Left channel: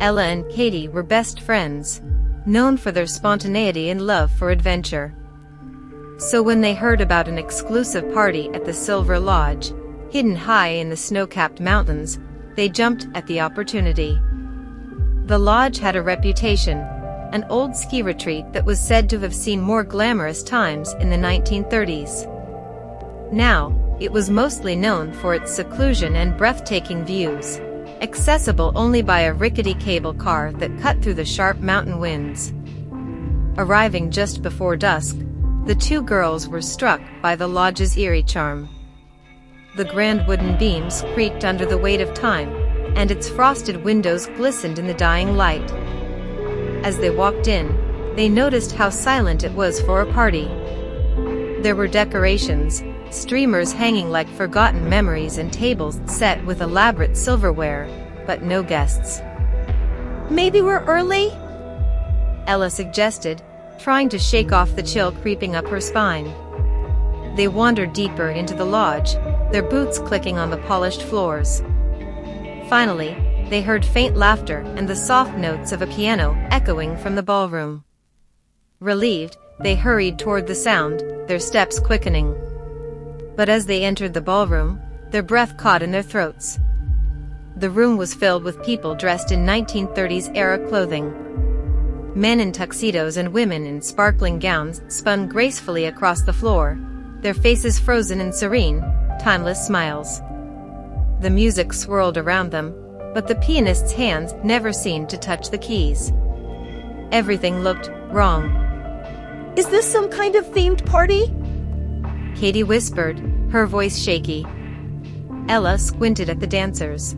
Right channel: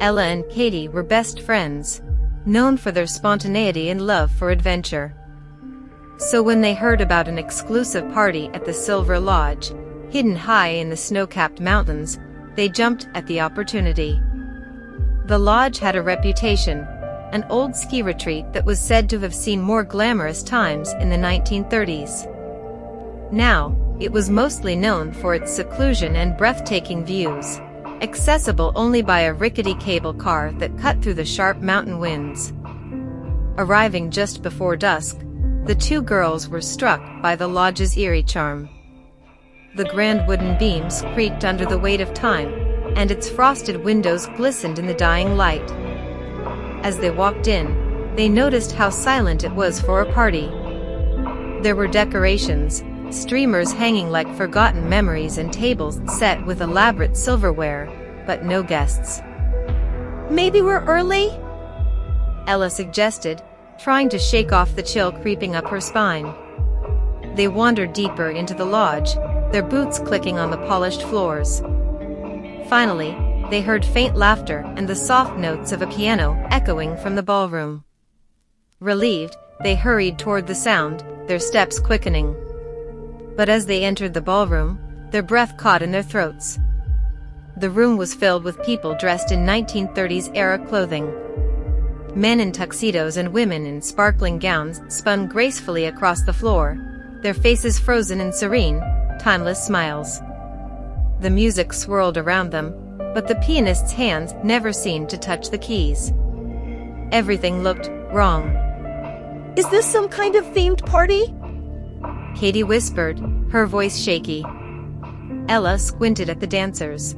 Ella and Katy were best friends, known for their spontaneity and love for adventure. So when they heard about an exclusive party at the Silver Lodge, hidden high in the snow-capped mountains, they jumped at the opportunity. The lodge had a reputation, an old ski retreat that was said to have seen more glamorous times in the 1930s. Now, it was mostly known for its seclusion and breathtaking views, accessible only by a rickety cable car that cut through the sharp mountain winds. Arriving just before dusk, the two girls were struck by the lodge's eerie charm. The grand wooden beams creaked under the weight of time, and its frosted windows glistened in the dying light. As they walked in, they noticed how silent it was for a party. There were decorations, streamers hanging like forgotten memories and tables set with elaborate silverware, but no guests. "Maybe we're early?" Ella suggested, trying to shake off the chill creeping up her spine. They wandered deeper into the lodge, their boots clicking on the polished floors. Finally, they heard faint laughter and the soft notes of a piano echoing from the ballroom. Relieved, they hurried toward the sound, their steps quickening. But as they entered the ballroom, their breath caught in their throats. The room was filled with people dressed in 1930s-era clothing. Men in tuxedos and women in sparkling gowns spun gracefully across the floor, their faces frozen in serene, timeless smiles. The music swirled around them, but the pianist's hands never seemed to touch the keys. Everything looked wrong. "Is this some kind of themed party?" Katy whispered, her voice shaky. Ella squinted at the dancers.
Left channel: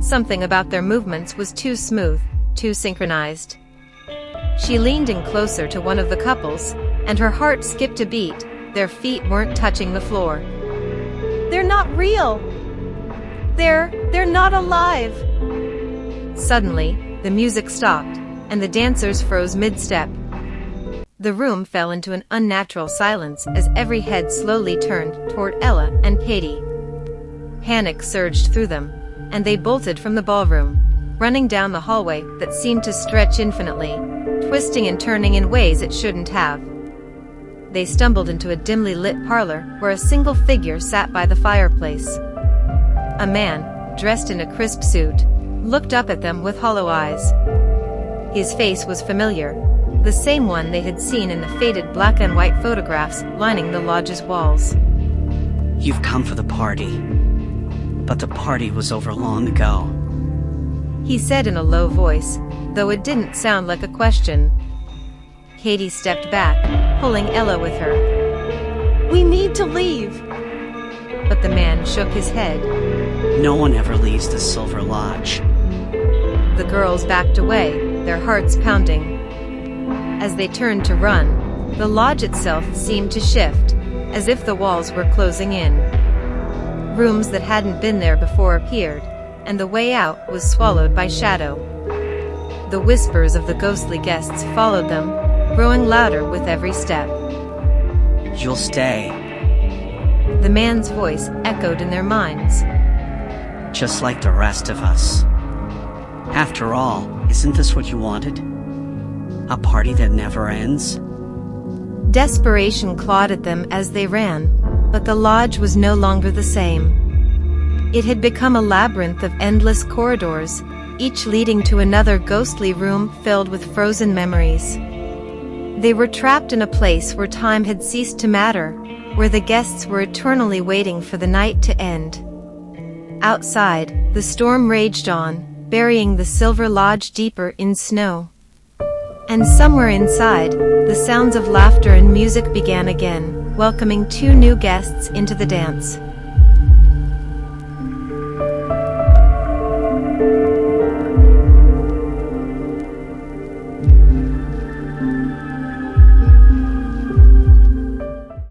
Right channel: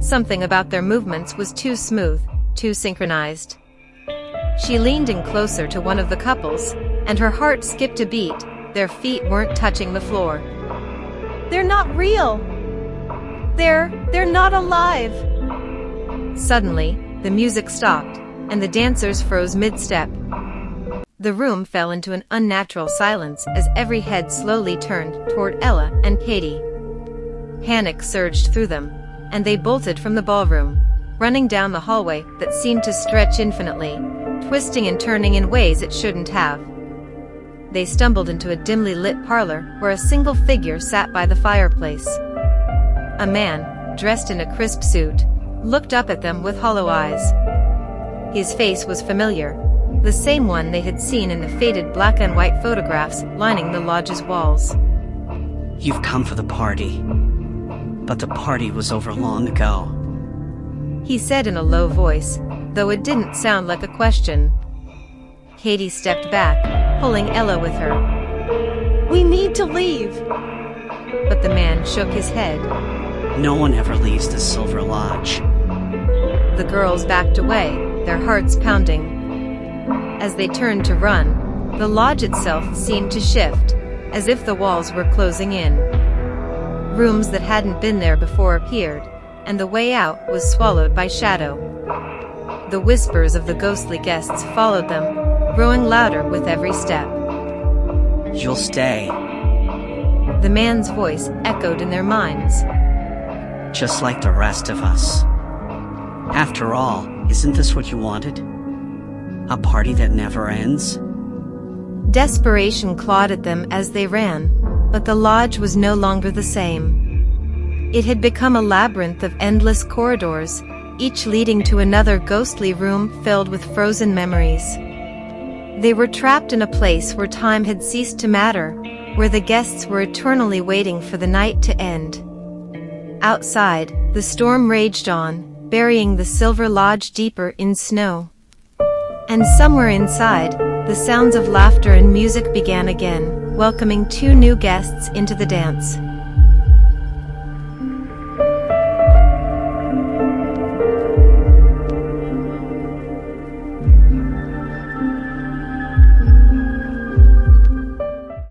Something about their movements was too smooth, too synchronized. She leaned in closer to one of the couples, and her heart skipped a beat. Their feet weren't touching the floor. "They're not real. They're not alive." Suddenly, the music stopped, and the dancers froze mid-step. The room fell into an unnatural silence as every head slowly turned toward Ella and Katy. Panic surged through them, and they bolted from the ballroom, running down the hallway that seemed to stretch infinitely, twisting and turning in ways it shouldn't have. They stumbled into a dimly lit parlor where a single figure sat by the fireplace. A man, dressed in a crisp suit, looked up at them with hollow eyes. His face was familiar, the same one they had seen in the faded black and white photographs lining the lodge's walls. "You've come for the party. But the party was over long ago," he said in a low voice, though it didn't sound like a question. Katy stepped back, pulling Ella with her. "We need to leave." But the man shook his head. "No one ever leaves the Silver Lodge." The girls backed away, their hearts pounding. As they turned to run, the lodge itself seemed to shift, as if the walls were closing in. Rooms that hadn't been there before appeared, and the way out was swallowed by shadow. The whispers of the ghostly guests followed them, growing louder with every step. "You'll stay, The man's voice echoed in their minds. just like the rest of us. After all, isn't this what you wanted? A party that never ends?" Desperation clawed at them as they ran, but the lodge was no longer the same. It had become a labyrinth of endless corridors, each leading to another ghostly room filled with frozen memories. They were trapped in a place where time had ceased to matter, where the guests were eternally waiting for the night to end. Outside, the storm raged on, burying the Silver Lodge deeper in snow. And somewhere inside, the sounds of laughter and music began again, welcoming two new guests into the dance.